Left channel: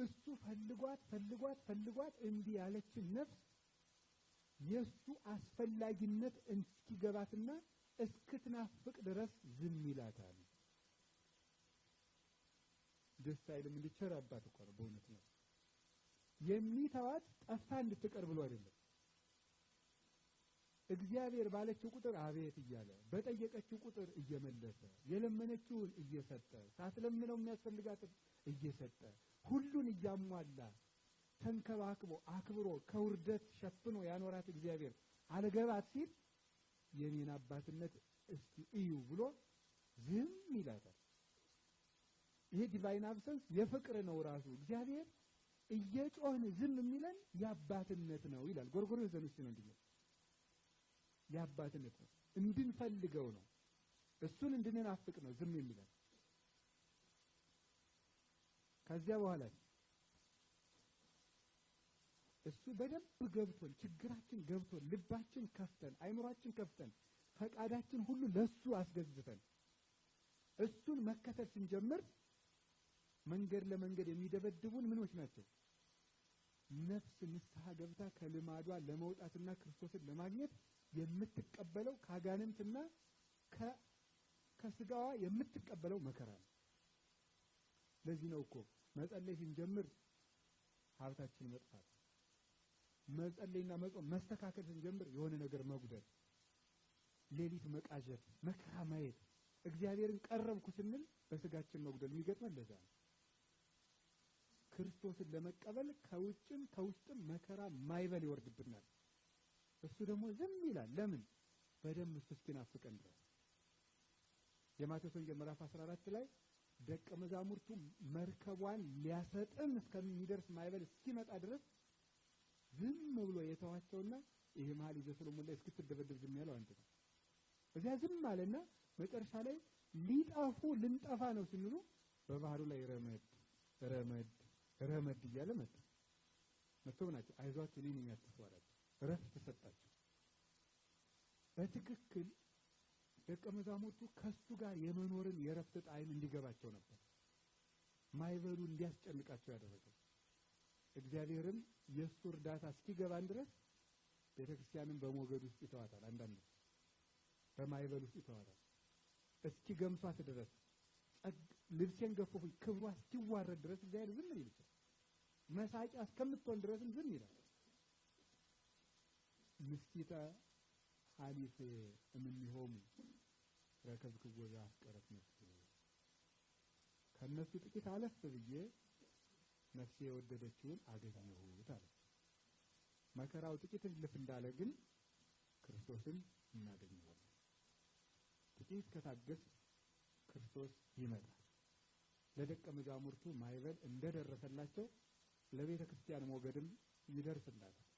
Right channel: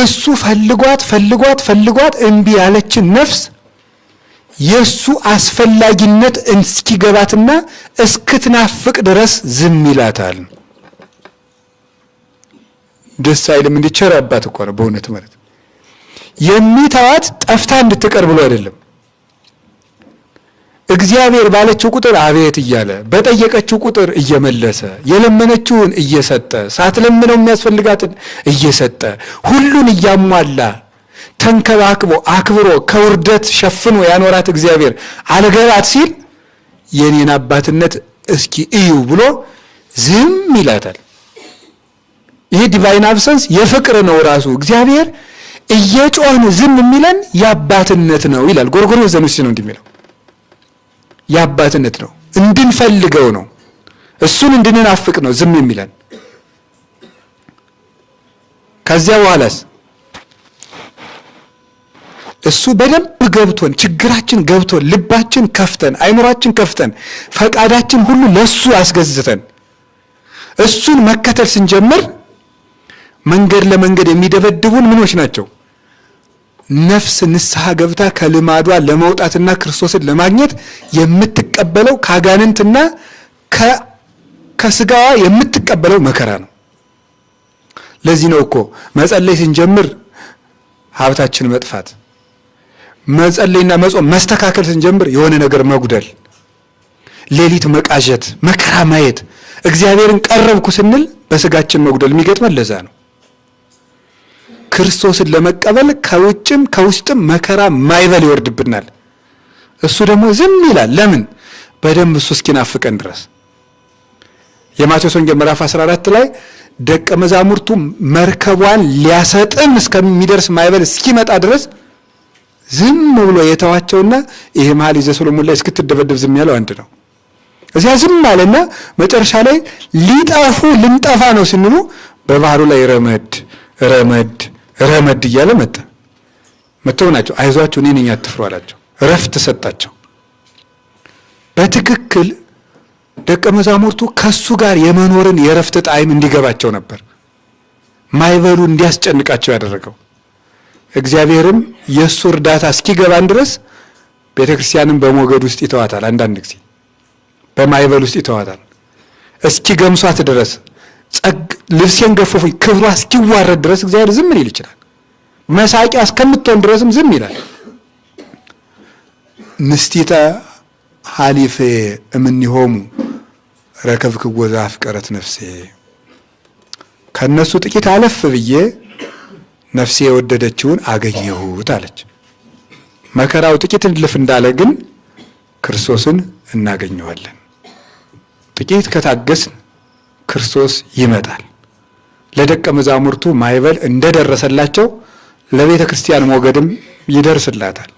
እሱ ፈልጓት እምቢ ያለችን ነፍስ የሱ አስፈላጊነት እስኪገባትና እስክትናፍቅ ድረስ ዝም ይላታል። ደስ አይልም? እንዲቸር አባት እኮ ነው በእውነት ማለት የሚተዋት ጠፍታ እንድትቀር ብሎ አይደለም። እግዚአብሔር ባለችው ቁጥር አቤት እያለ በጠየቀችው ቁጥር እየመለሰ የለመነችውን እየሰጠ ሳትለምነው የሚያስፈልጋትን እየሰጠ ሁሉን እያሟላ ተንከባክቦ አክብሮ ከውርደት ሸፍኖ ያኖራት እግዚአብሔር አልገባት ሲል የኔን አባትነት እስኪ እዩ ብሎ ዝም ይላታል። ይሄ ዲቫይን አብሰንስ የፍቅር ነው ራሱ። እግዚአብሔር እየጮህን ዝም የሚለን የአባትነት ነው ይላል ጎርጎርዮስ ዘኑሲ ነው እንደሚለው። የአባትነት ነው፣ እንድንፈልገው ነው፣ እሱን እንድንናፍቅ ነው ዝም የሚለን። ከዚያ በኋላስ እሱ በደንብ ገብቶን ችግራችን ገብቶን ልባችን ከፍተን አይምሯችን ከፍተን ፈቃዳችን ሁሉ ለሱ አስገዝተን እሱን መከተል ስንጀምር መንገድ ለመንገድ የሚደበድቡን ምኖች ናቸው? ነፍስ ንስሐ ገብታ ከልማዷ ለመውጣትና ክርስቶስን ለማግኘት የምትቀበለው ካጋንንትና ከስጋዋ የምትቀበለው መከራ ነው። ለዚህ ነው እኮ መጸለይ ስንጀምር ሀብታችን መጥፋት፣ መጸለይና መጾም መስተካከል ስንጀምር የሆነ ነገር መጉደል፣ ሌሊት መቃዠት፣ መከራ ማየት፣ እግዚአብሔርን ቀረብኩ ስንል በስጋችን መጉደል የሚገጥመን ለዛ ነው። ክርስቶስን ለመቀበል ከውጭም ከውስጥም መከራ ማይበል ይወርድብናል። እሱ ደግሞ ዝም ይላል። ለምን? በደንብ እሱ እስኪናፍቀን ድረስ። የማቴዎስ ወንጌል ምዕራፍ 14 ላይ ደቀ መዛሙርቱ መርከቧን ሊያሰጥም እስከሚደርስ ማይበል እስኪመጣ ድረስ ዝም ብሎ የተዋቸውና ይሄ መኃልየ ዘሰሎሞን ላይ እስክትደበደብ ዝም ያለው አንድ ነው። እዚያ ዝም አለና መጨረሻ ላይ ልንጠፋ ነው ስንሉ በባህሩ ላይ ረመድ እያለ መጥተው ናቸው አይዟቸው እኔ ነኝ አትፍሩ አላቸው። እረፍት ሰጣቸው። በትክክል ደቀ መዛሙርቱ ከሱ ጋር የመኖርን የእረፍት ጣዕም እንዲገባቸው ነበር ማይበሉ እንዲያስጨንቃቸው ያደረገው። እግዚአብሔርም የእሱ እርዳታ እስኪገባን ድረስ ቤተ ክርስቲያንን በሞገድ ውስጥ ይተዋታል። አንዳንድ ጊዜ በማይበል ውስጥ ይተዋታል እስኪገምሷት ድረስ ልብሴን ገፈፉኝ ክብሯ እስኪዋረድ ድረስ እግዚአብሔር ዝም ሊል ይችላል። መሳቂያ እስከምትሆን ድረስም ዝም ይላል። ምስቲተ ሀሊፌ እምኔሆሙ ረከብክዎ ዘአፍቀረት ነፍሴ፣ ከነሱ ጥቂት አለፍ ብዬ ነፍሴ የወደደችውን አገኘሁት አለች። መከራው ጥቂት እልፍ እንዳለ ግን ክርስቶስን እናገኘዋለን። ጥቂት ከታገስን ክርስቶስ ይመጣል። ለደቀ መዛሙርቱ ማይበል እንደደረሰላቸው ለቤተ ክርስቲያን ሞገድም ይደርስላታል።